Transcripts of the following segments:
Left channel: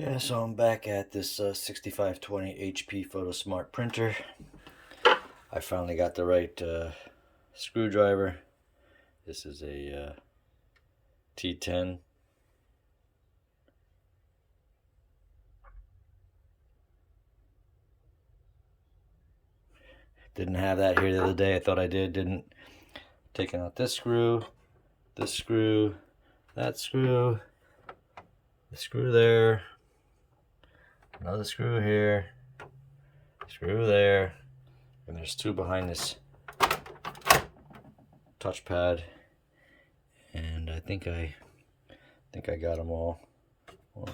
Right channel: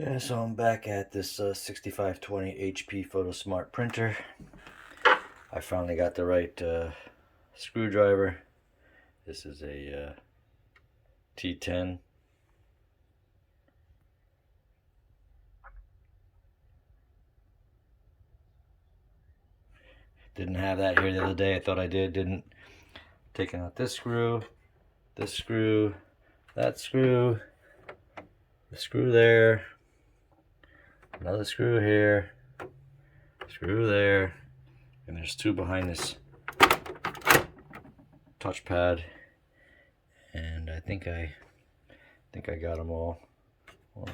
Yeah, so I'm back at this 6520 HP Photo Smart printer. I finally got the right screwdriver. This is a T10. Didn't have that here the other day. I thought I did. Didn't. Taking out this screw, that screw, the screw there, another screw here, screw there, and there's two behind this touchpad. And I think I got them all. Well,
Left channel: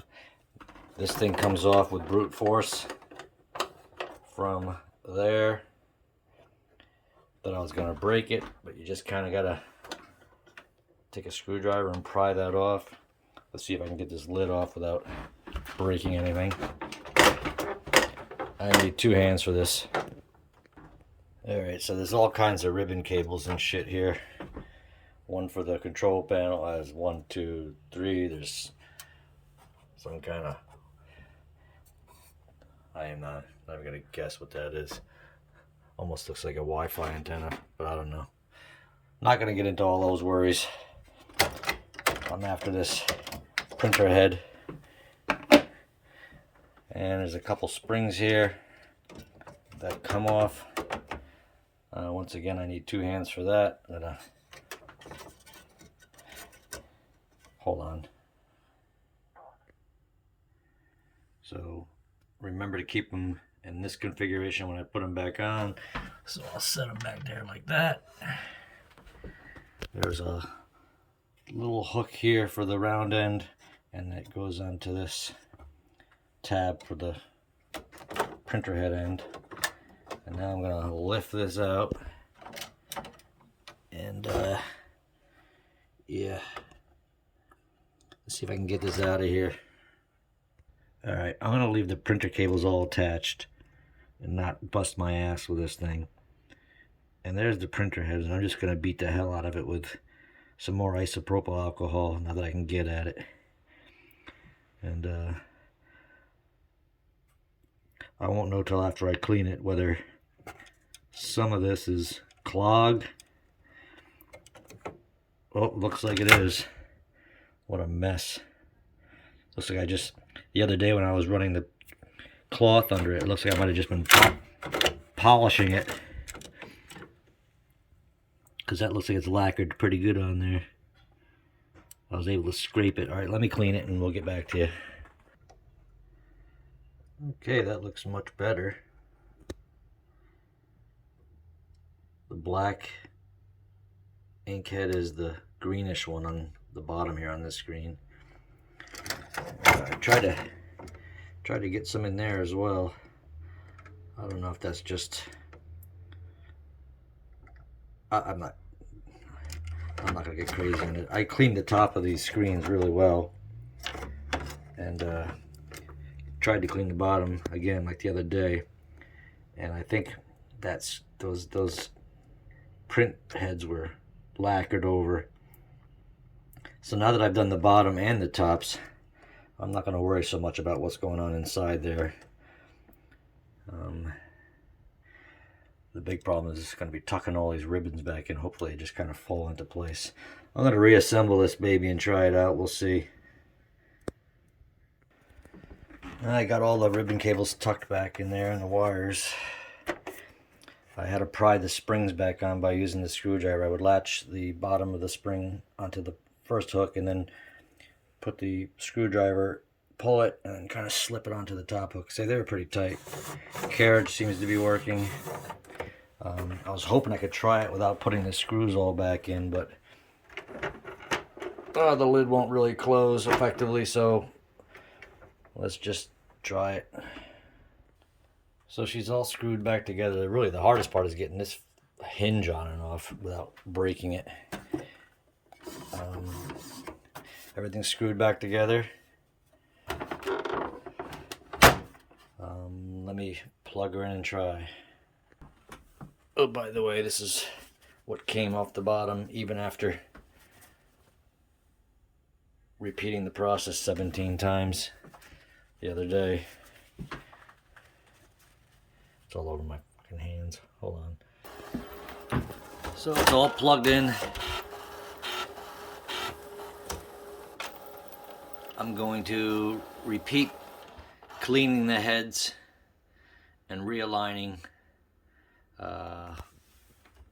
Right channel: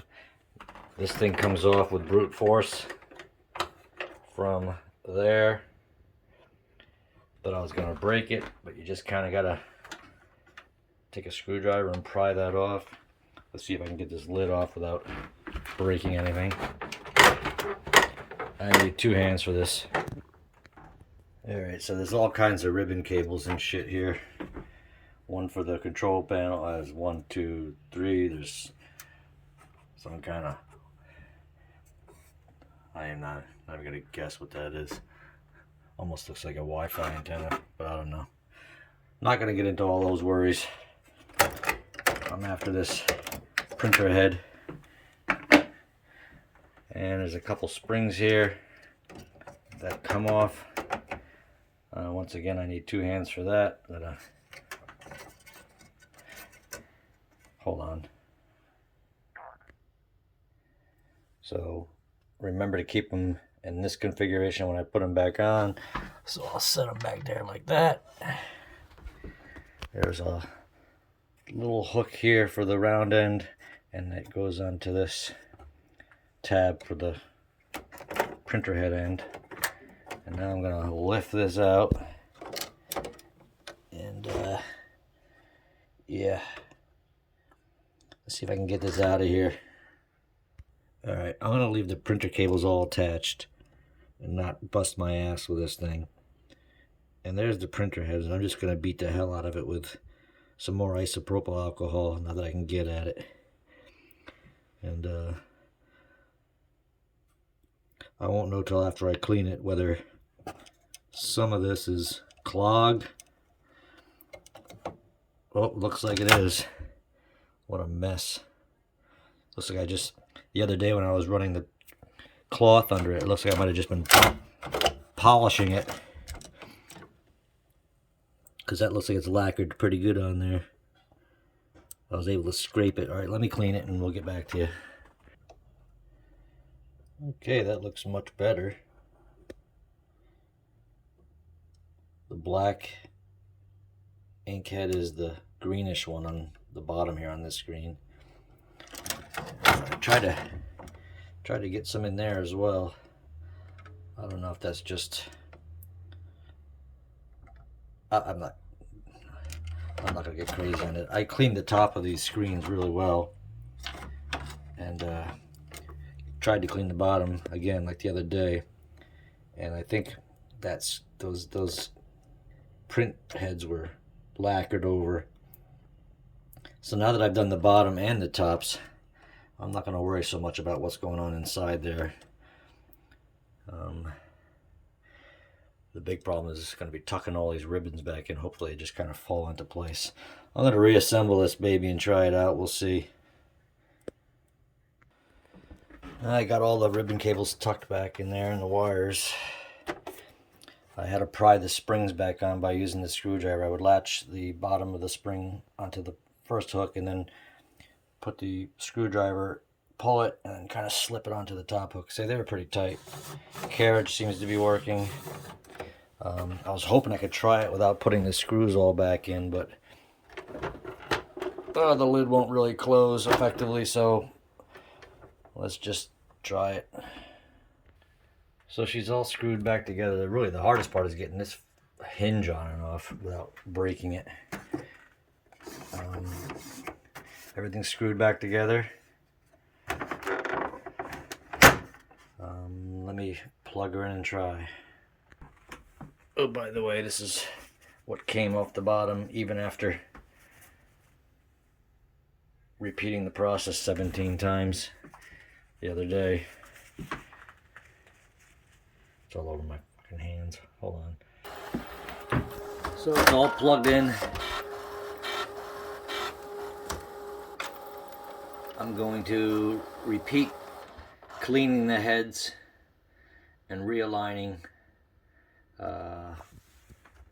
this thing comes off with brute force from there. Thought I was gonna break it, but you just kind of gotta take a screwdriver and pry that off. Let's see if I can get this lid off without breaking anything. I need two hands for this. Alright, so there's all kinds of ribbon cables and shit here. One for the control panel has 1, 2, 3. There's some kind of, I am not even gonna guess what that is. Almost looks like a Wi-Fi antenna, but I don't know. Not gonna get into all those worries. I'm after this printer head. And there's a couple springs here that come off. Once again, I need two hands for that. Hold on. So remember to keep them in this configuration when I put them back on. So I'll set them back there like that. There's a little hook here for the round end, and it goes onto this tab for the printer head end. And now I'm gonna lift this out, and yeah, let's see if I can get this out of here. All right, I'm gonna leave the printer cables all attached and not bust my ass with this thing. And there's the printer head, and I'm just gonna beat the hell out of it with some more isopropyl alcohol now that I can get at it. And I won't know till after I clean it whether some of this is clogged. Oh, looks like it is. What a mess. Looks like the other day when I was running the cloth under it, it looks like I might have just been polishing it. Because that looks like it's lacquered pretty good on there. I was able to scrape it. All right, let me clean it and we'll get back to you. Okay, that looks much better. The black ink head is the greenish one on the bottom here on this screen. Try to get some in there as well. I don't know if that's just I'm not gonna get crazy on it. I cleaned the top of these screens really well, and tried to clean the bottom again like the other day, and I think that's those print heads were lacquered over. So now that I've done the bottom and the tops, I'm not going to worry so much about what's going on inside there. The big problem is going to be tucking all these ribbons back in. Hopefully they just kind of fall into place. I'm going to reassemble this baby and try it out. We'll see. I got all the ribbon cables tucked back in there and the wires. I had to pry the springs back on by using the screwdriver. I would latch the bottom of the spring onto the first hook and then put the screwdriver, pull it, and kind of slip it onto the top hook. So they were pretty tight. Carriage seems to be working. I was hoping I could try it without putting the screws all back in, but the lid won't really close effectively, so let's just try it. So she's all screwed back together. Really, the hardest part is getting this hinge on and off without breaking it. Everything's screwed back together. Let me plug her in and try. Oh, by the way, this is what came off the bottom even after repeating the process 17 times. the other day. It's all over my fucking hands. Hold on. So it's all plugged in. I'm going to repeat cleaning the heads and realigning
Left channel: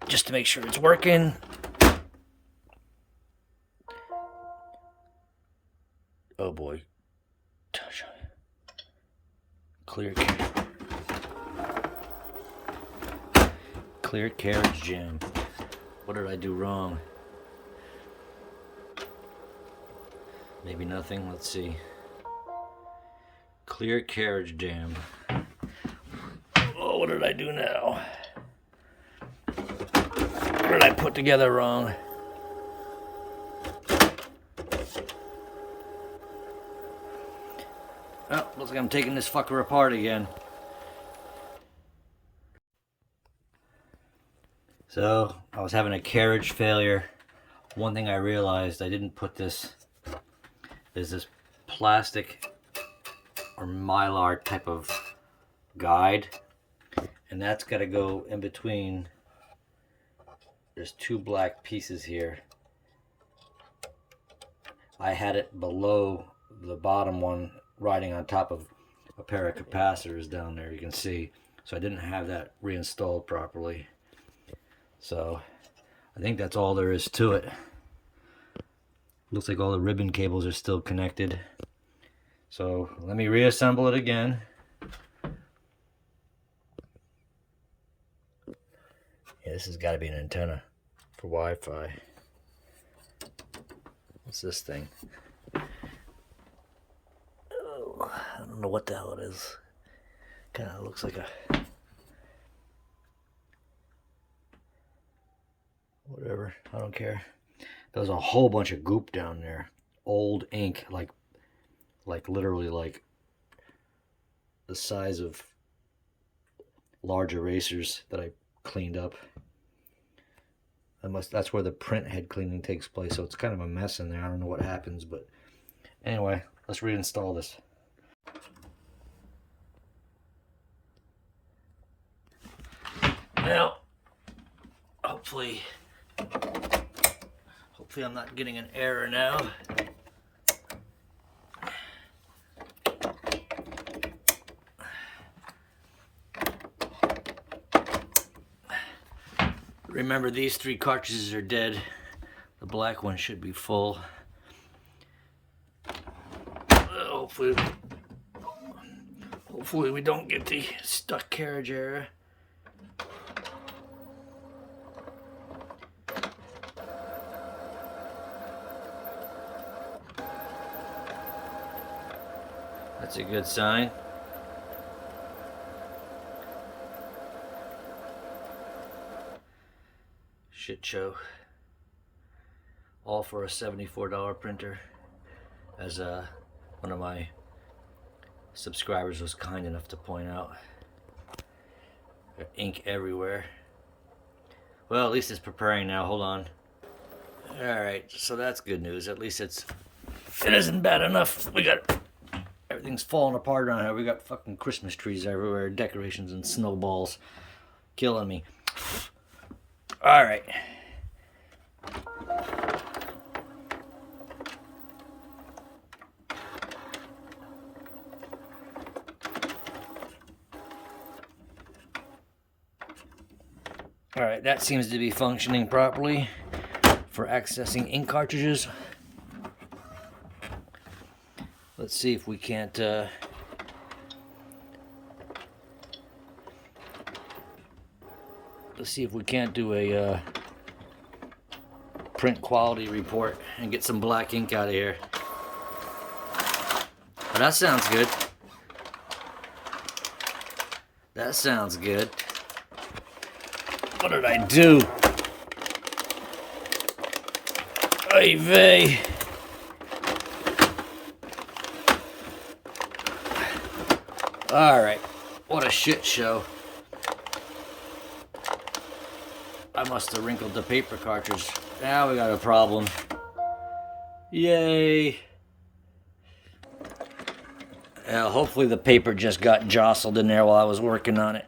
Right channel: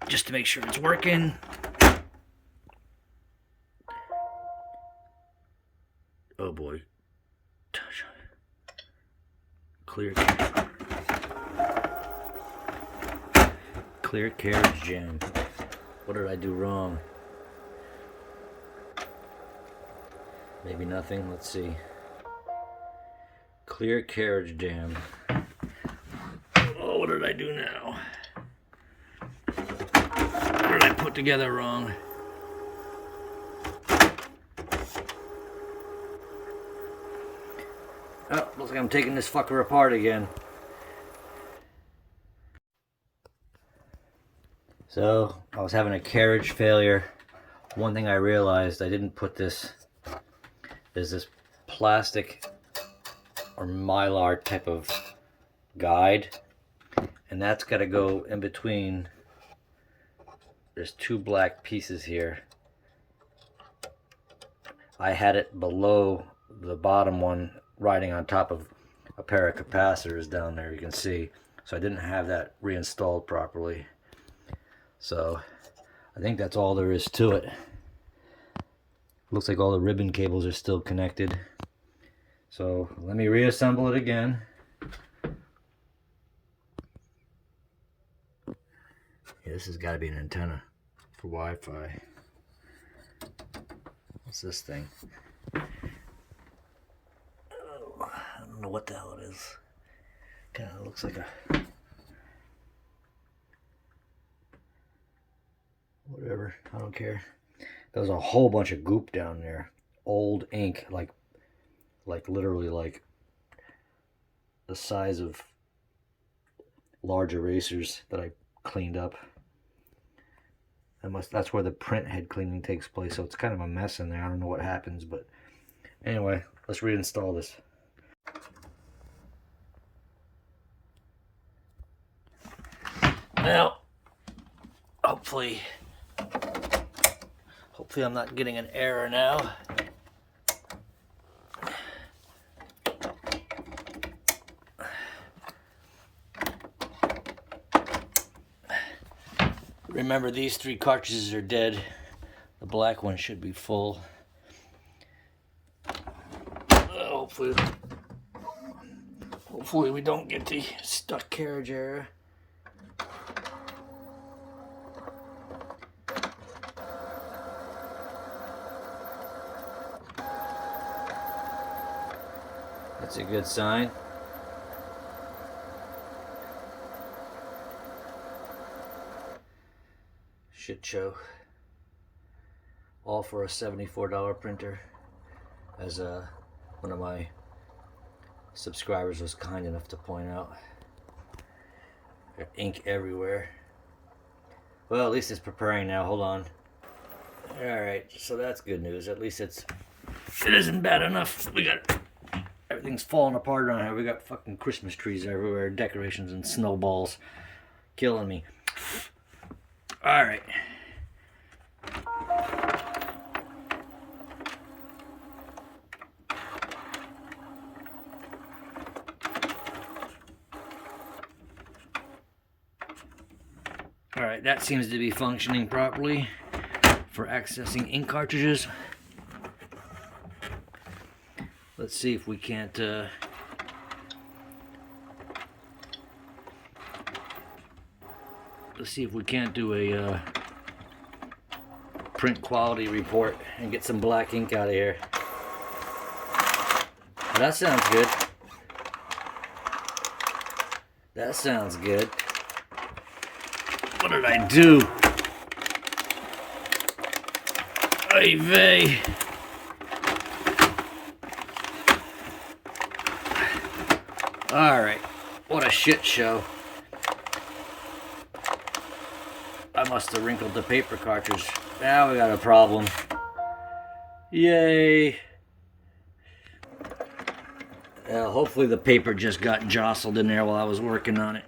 just to make sure it's working. Oh boy. Clear carriage jam. What did I do wrong? Maybe nothing. Let's see. Clear carriage jam. Oh, what did I do now? What did I put together wrong? Oh, looks like I'm taking this fucker apart again. So, I was having a carriage failure. One thing I realized, I didn't put this, there's this plastic or mylar type of guide, and that's got to go in between. There's two black pieces here. I had it below the bottom one, riding on top of a pair of capacitors down there, you can see. So I didn't have that reinstalled properly. So I think that's all there is to it. Looks like all the ribbon cables are still connected. So let me reassemble it again. Yeah, this has got to be an antenna for Wi-Fi. What's this thing? Oh, I don't know what the hell it is. Kind of looks like a... whatever, I don't care. There's a whole bunch of goop down there. Old ink, like literally like the size of large erasers that I cleaned up. That's where the print head cleaning takes place, so it's kind of a mess in there. I don't know what happens, but anyway, let's reinstall this. Now, hopefully I'm not getting an error now. Remember, these 3 cartridges are dead. The black one should be full. Hopefully we don't get the stuck carriage error. That's a good sign. Shit show. All for a $74 printer, as one of my subscribers was kind enough to point out. Got ink everywhere. Well, at least it's preparing now. Hold on. Alright, so that's good news. At least it isn't bad enough. Everything's falling apart around here. We got fucking Christmas trees everywhere, decorations and snowballs. Killing me. Alright. Alright, that seems to be functioning properly for accessing ink cartridges. Let's see if we can't do a print quality report and get some black ink out of here. Well, that sounds good. That sounds good. What did I do? Oy vey. Alright, what a shit show. I must have wrinkled the paper cartridge. Now we got a problem. Yay. Hopefully the paper just got jostled in there while I was working on it.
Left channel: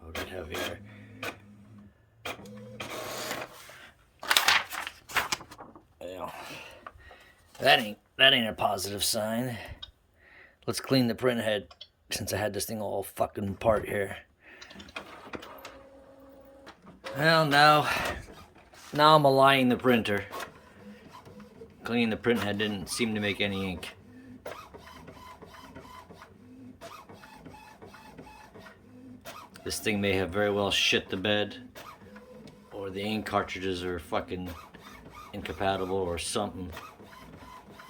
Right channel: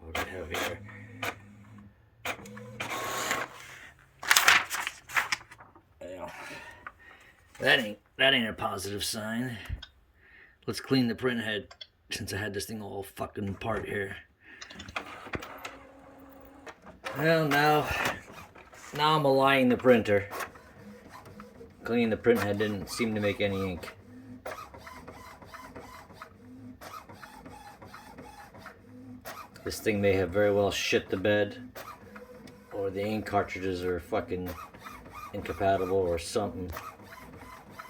What do we have here? Well, that ain't a positive sign. Let's clean the print head since I had this thing all fucking apart here. Well, now I'm aligning the printer. Cleaning the print head didn't seem to make any ink. This thing may have very well shit the bed, or the ink cartridges are fucking incompatible or something.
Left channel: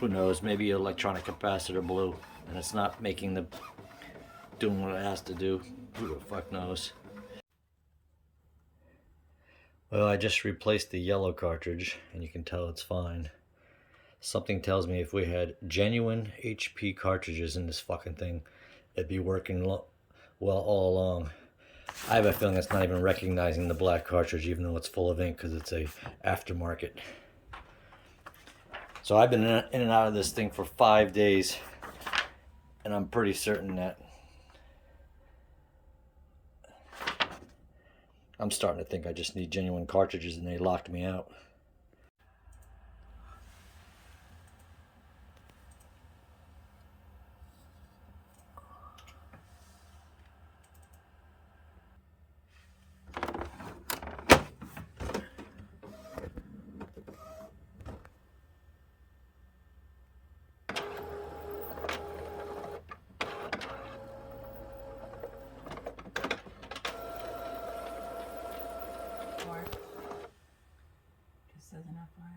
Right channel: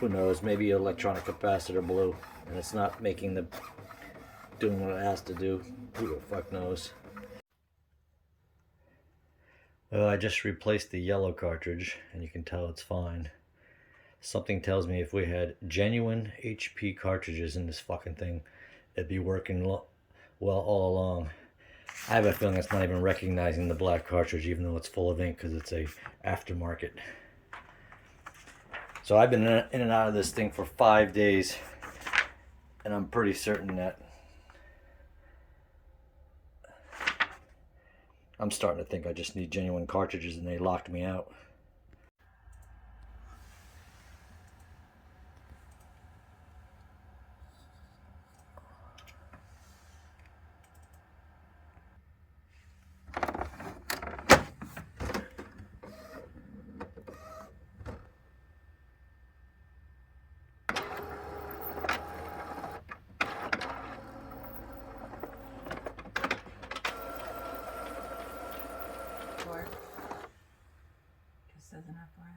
Who knows? Maybe electronic capacitor blew and it's not doing what it has to do. Who the fuck knows? Well, I just replaced the yellow cartridge and you can tell it's fine. Something tells me if we had genuine HP cartridges in this fucking thing, it'd be working well all along. I have a feeling it's not even recognizing the black cartridge even though it's full of ink because it's a aftermarket. So I've been in and out of this thing for 5 days and I'm pretty certain that I'm starting to think I just need genuine cartridges and they locked me out. Just as an FYI.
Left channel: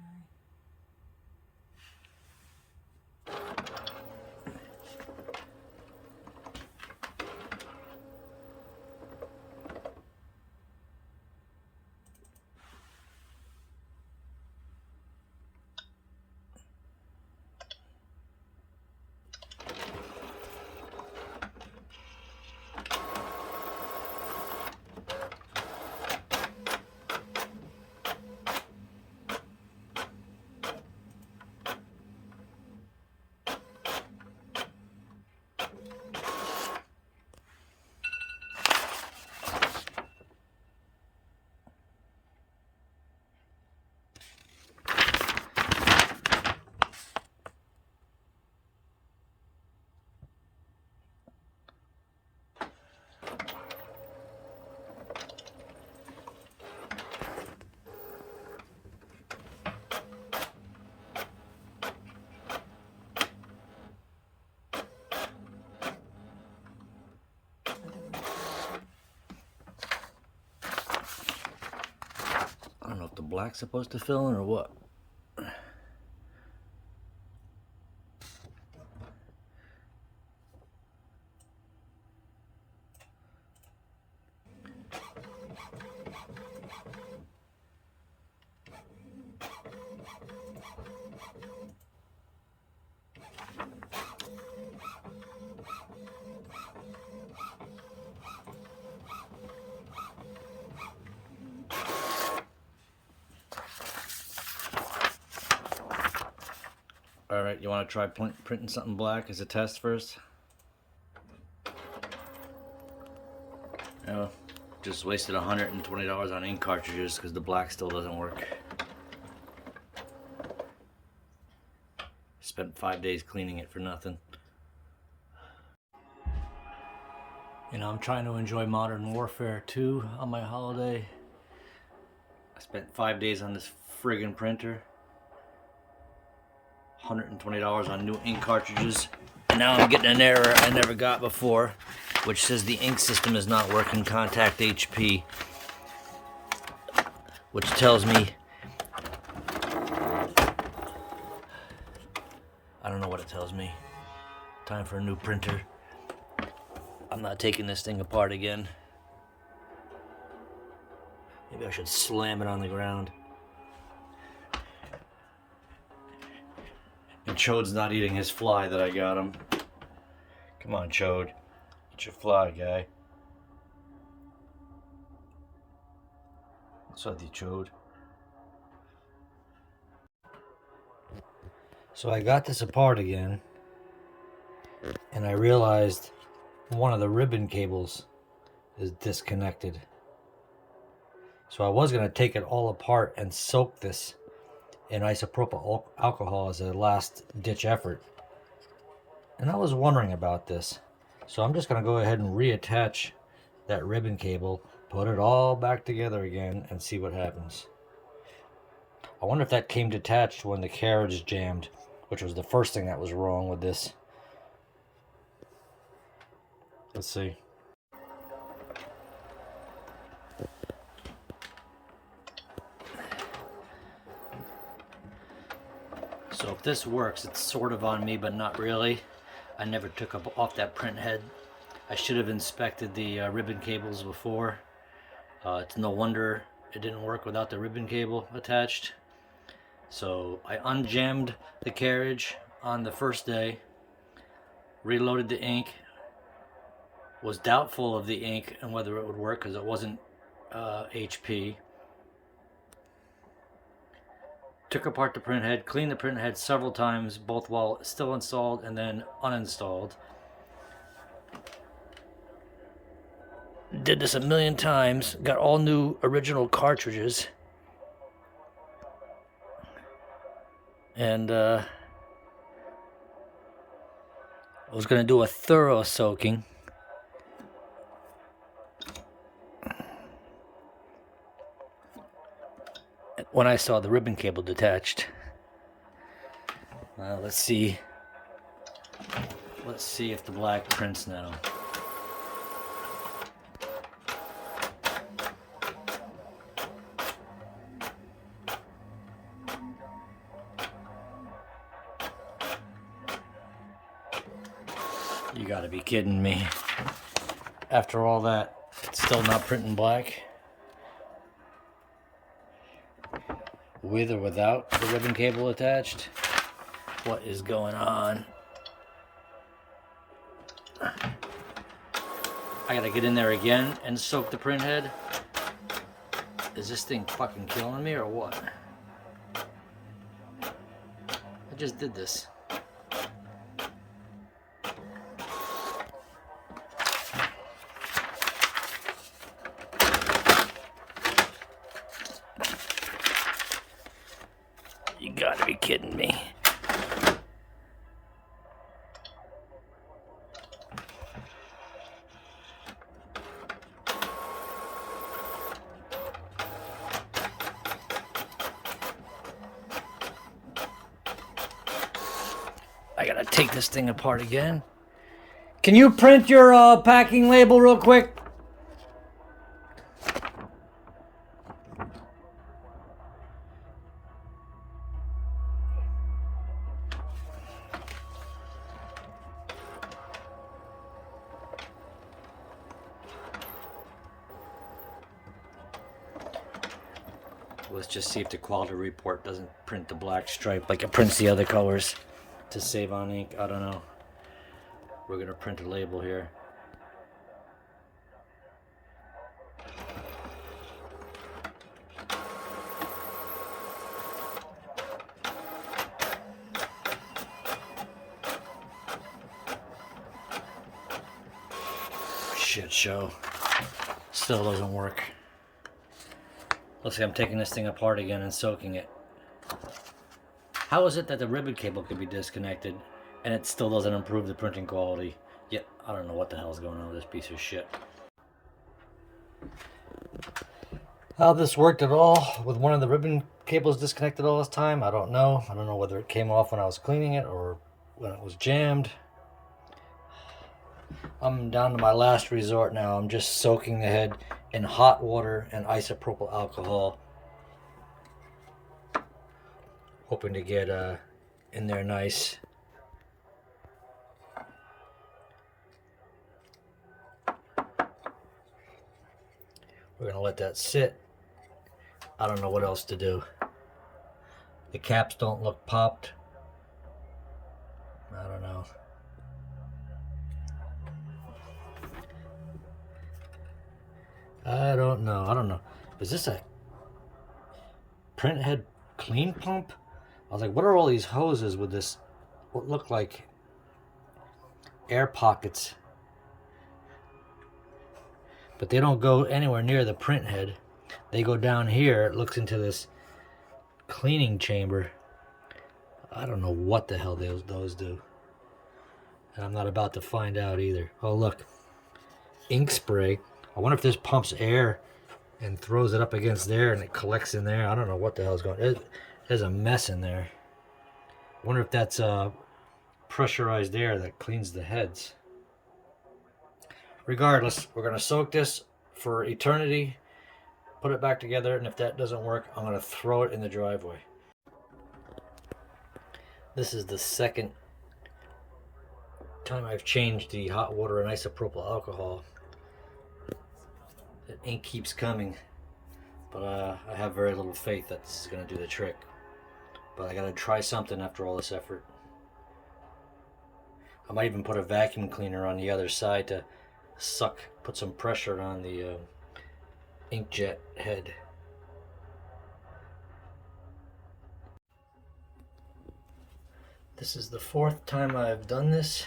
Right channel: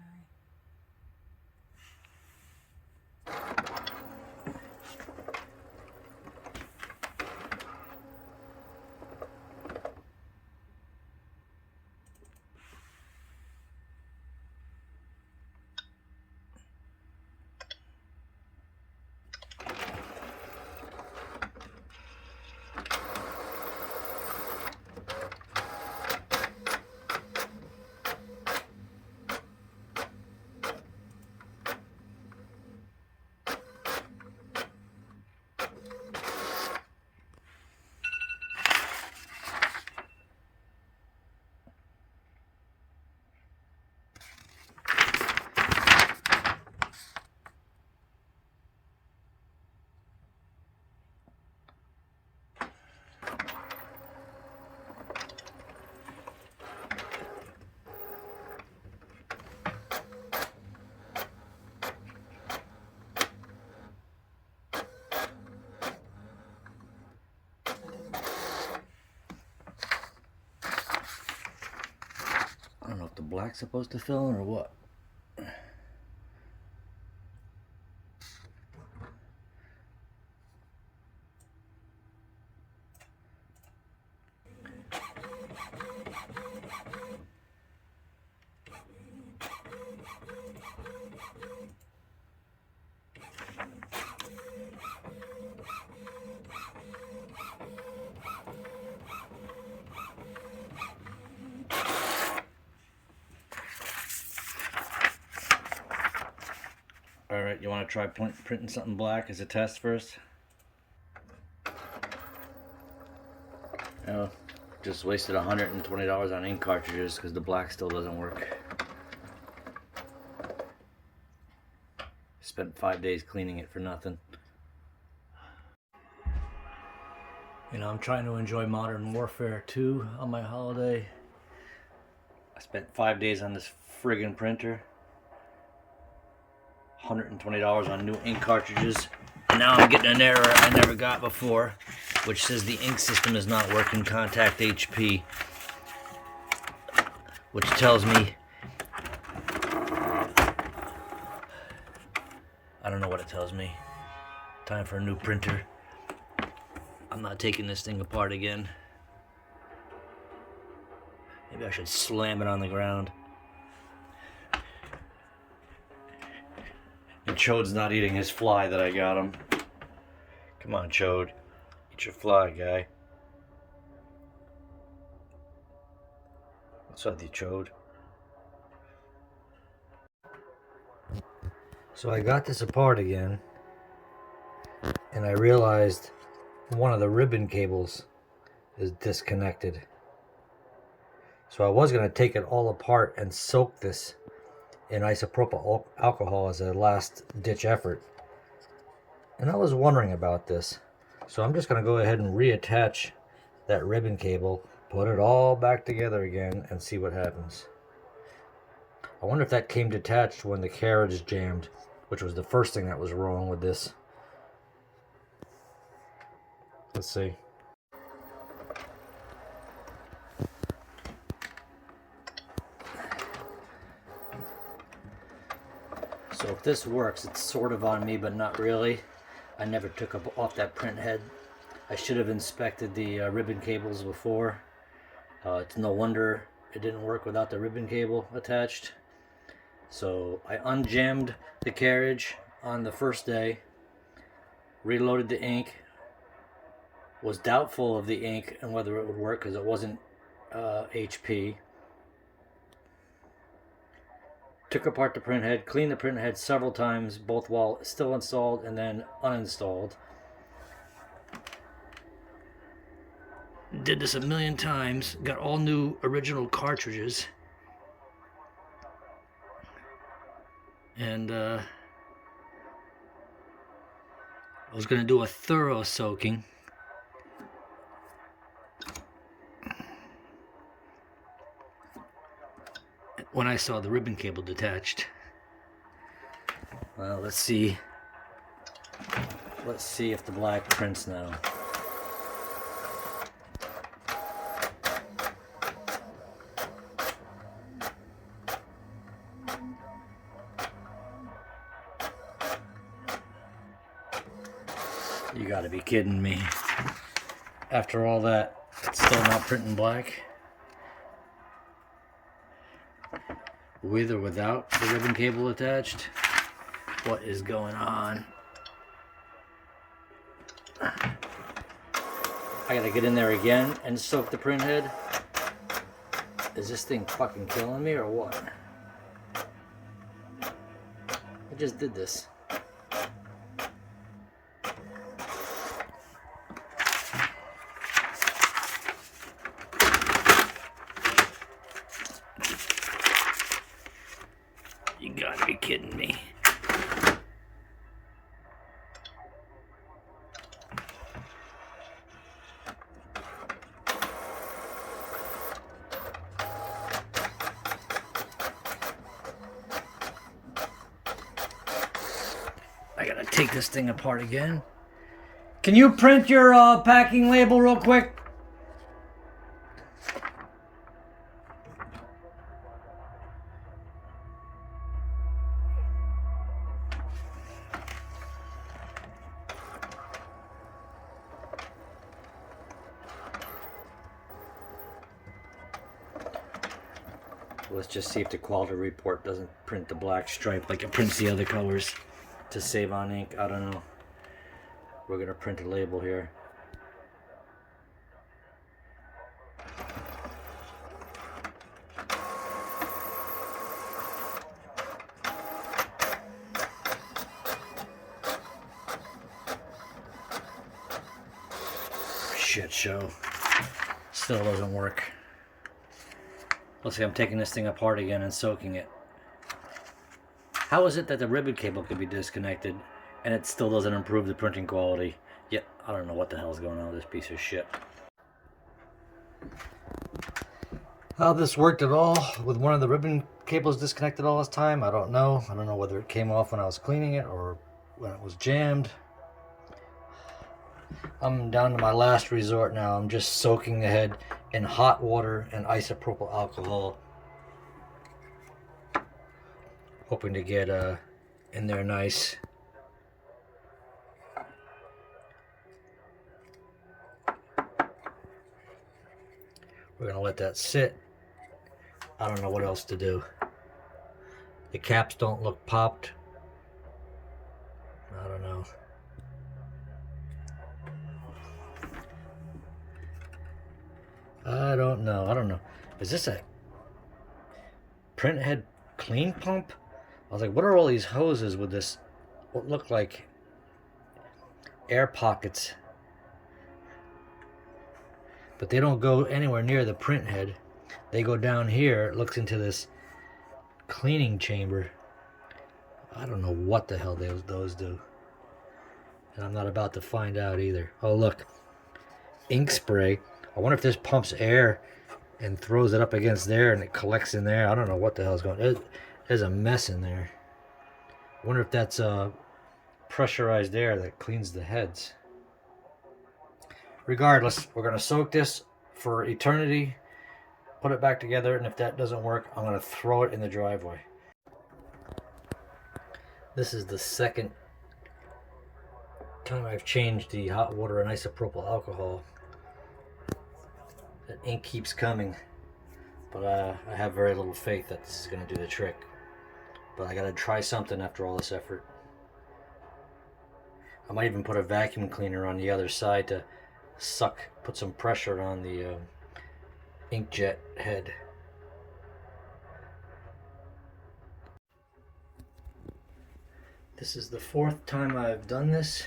I don't know if the black's supposed to fill in or what. Alright, you want to try printing something black as a test first? Yeah, just wasted $120 on ink cartridges because the black still doesn't work. Spent 5 days cleaning it for nothing. You know, I'm trying to enjoy Modern Warfare 2 on my holiday. I spent 5 days on this friggin' printer. $120 on new ink cartridges. And now I'm getting an error I never got before, which says the ink system is not working, contact HP. Which tells me, I don't know what it tells me. Time for a new printer. I'm not taking this thing apart again. Maybe I should slam it on the ground. And Chode's not eating his fly that I got him. Come on, Chode. Eat your fly, guy. So the chode. So I got this apart again, and I realized one of the ribbon cables is disconnected. So I was going to take it all apart and soak this in isopropyl alcohol as a last ditch effort. And I was wondering about this. So I'm just going to go ahead and reattach that ribbon cable, put it all back together again, and see what happens. I wonder if that came detached when the carriage jammed, which was the first thing that was wrong with this. Let's see. So if this works, it's sort of on me, but not really. I never took off that print head. I should have inspected the ribbon cables before. It's no wonder it didn't work without the ribbon cable attached. So I unjammed the carriage on the first day, reloaded the ink, was doubtful of the ink and whether it would work because it wasn't HP. Took apart the print head, cleaned the print head several times, both while still installed and then uninstalled. Did this a million times, got all new original cartridges. And I was going to do a thorough soaking. When I saw the ribbon cable detached. Well, let's see. Let's see if the black prints now. You gotta be kidding me. After all that, it's still not printing black? With or without the ribbon cable attached? What is going on? I gotta get in there again and soak the print head. Is this thing fucking killing me or what? I just did this. You gotta be kidding me. I gotta take this thing apart again. Can you print your packing label real quick? Let's just see if the quality report doesn't print the black stripe like it prints the other colors to save on ink. I don't know. We're gonna print a label here. Shit show. Still doesn't work. Looks like I'm taking this thing apart again and soaking it. How is it that the ribbon cable could be disconnected and it still doesn't improve the printing quality? Yet, I don't know what the hell is going on with this piece of shit. How this worked at all with one of the ribbon cables disconnected all this time, I don't know. I don't know whether it came off when I was cleaning it or when it was jammed. I'm down to my last resort now. I'm just soaking the head in hot water and isopropyl alcohol. Hoping to get in there nice. We're gonna let that sit. I don't know what else to do. The caps don't look popped. I don't know. I don't know. Is this a print head clean pump. I was like, what are all these hoses with this, what look like air pockets? But they don't go anywhere near the print head. They go down here. It looks into this cleaning chamber. I don't know what the hell those do. And I'm not about to find out either. Oh, look. Ink spray. I wonder if this pumps air and throws it up against there and it collects in there. I don't know what the hell's going on. There's a mess in there. I wonder if that's pressurized air that cleans the heads. Regardless, we're going to soak this for eternity, put it back together, and if that doesn't work, I'm going to throw it in the driveway. This is the second time I've changed the hot water and isopropyl alcohol. The ink keeps coming, but I have very little faith that this is going to do the trick. But I got to try something after all this effort. I might even put a vacuum cleaner on the other side to put some pressure on the inkjet head. This is the 4th time I've done this,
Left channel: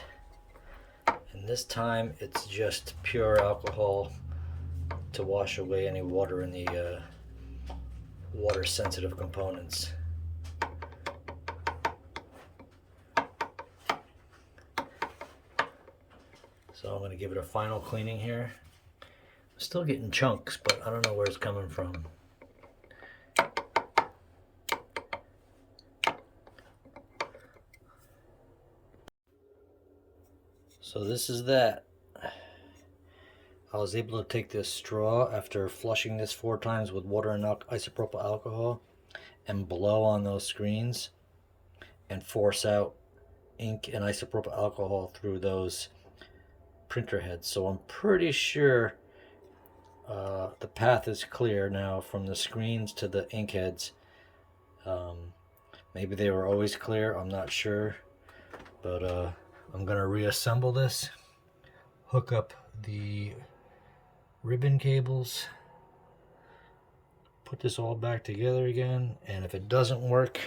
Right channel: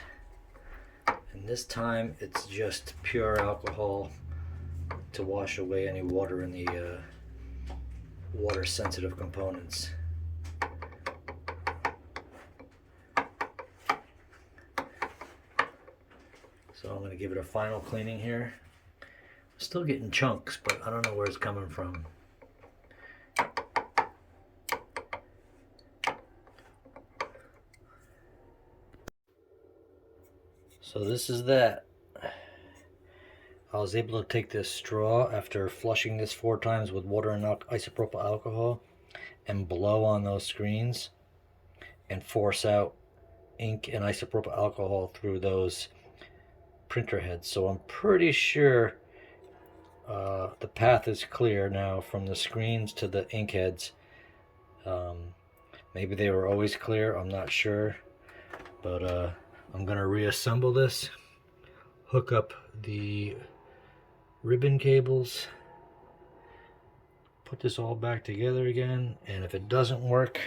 and this time it's just pure alcohol to wash away any water in the water sensitive components. So I'm going to give it a final cleaning here. I'm still getting chunks, but I don't know where it's coming from. So this is that. I was able to take this straw after flushing this 4 times with water and isopropyl alcohol and blow on those screens and force out ink and isopropyl alcohol through those printer heads. So I'm pretty sure the path is clear now from the screens to the ink heads. Maybe they were always clear, I'm not sure, but I'm gonna reassemble this, hook up the ribbon cables, put this all back together again, and if it doesn't work,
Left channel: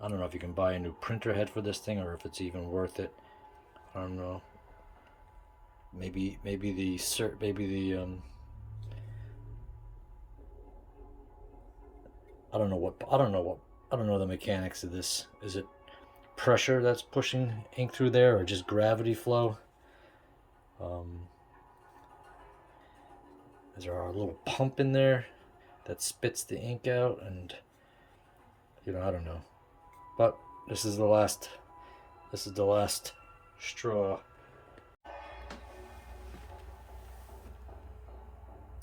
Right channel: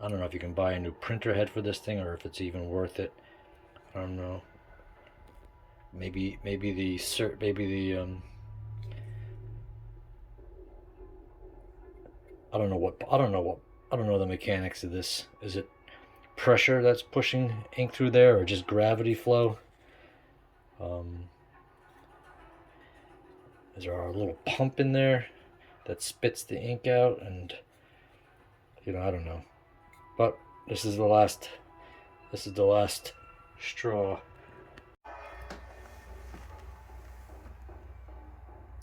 I don't know if you can buy a new printer head for this thing or if it's even worth it. I don't know. Maybe the I don't know the mechanics of this. Is it pressure that's pushing ink through there, or just gravity flow? Is there a little pump in there that spits the ink out? And I don't know. But this is the last straw.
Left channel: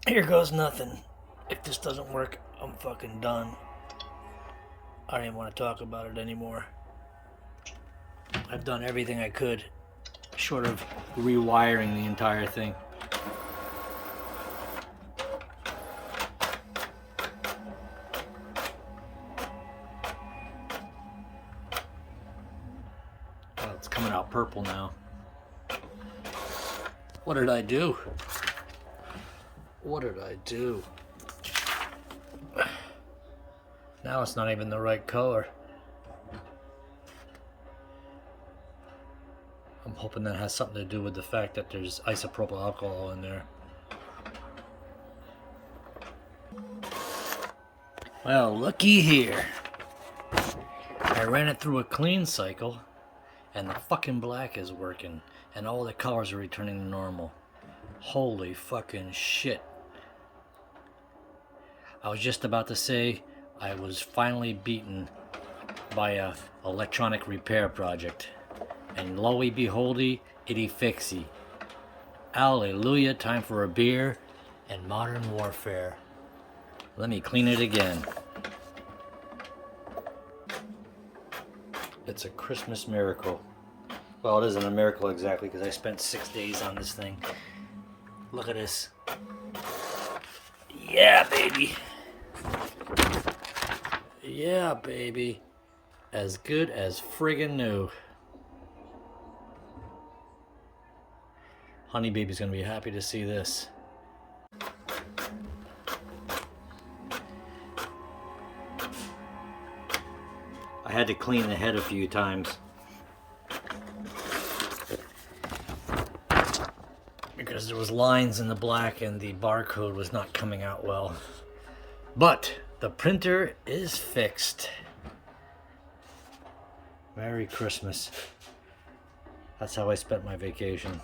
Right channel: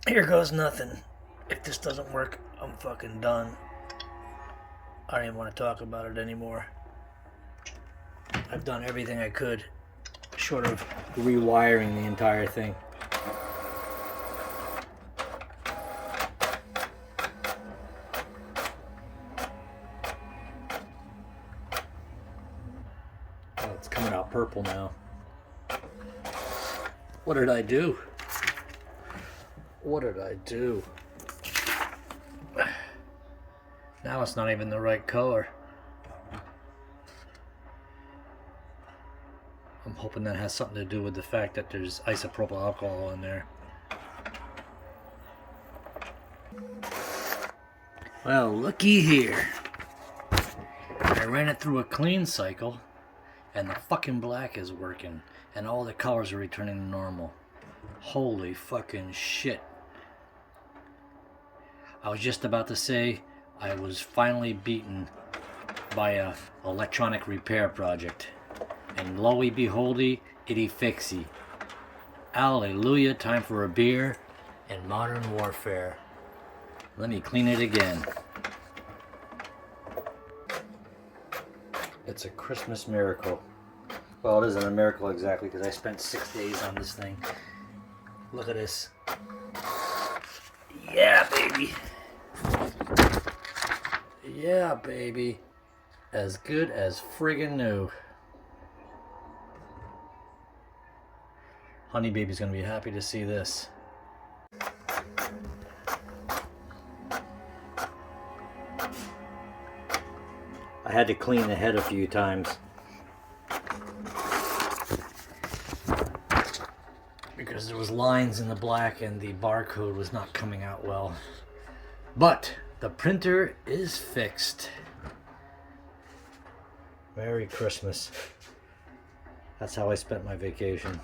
Here goes nothing. If this doesn't work, I'm fucking done. I don't even want to talk about it anymore. I've done everything I could, short of rewiring the entire thing. Oh, it's coming out purple now. What did I do? What did I do? Now it's not even the right color. I'm hoping that has something to do with the fact that there's isopropyl alcohol in there. Well, looky here. I ran it through a clean cycle and the fucking black is working and all the colors are returning to normal. Holy fucking shit. I was just about to say I was finally beaten by a electronic repair project. And lo-y beholdy, itty fixy. Hallelujah, time for a beer and modern warfare. Let me clean it again. It's a Christmas miracle. Well, it isn't a miracle exactly because I spent 6 days on this thing. Look at this. Yeah, baby. Yeah, baby. As good as friggin' new. Honey baby's gonna be happy to see this. I had to clean the head a few times because there was lines in the black and the barcode was not coming out well. But the printer is fixed. Merry Christmas. That's how I spent my vacation.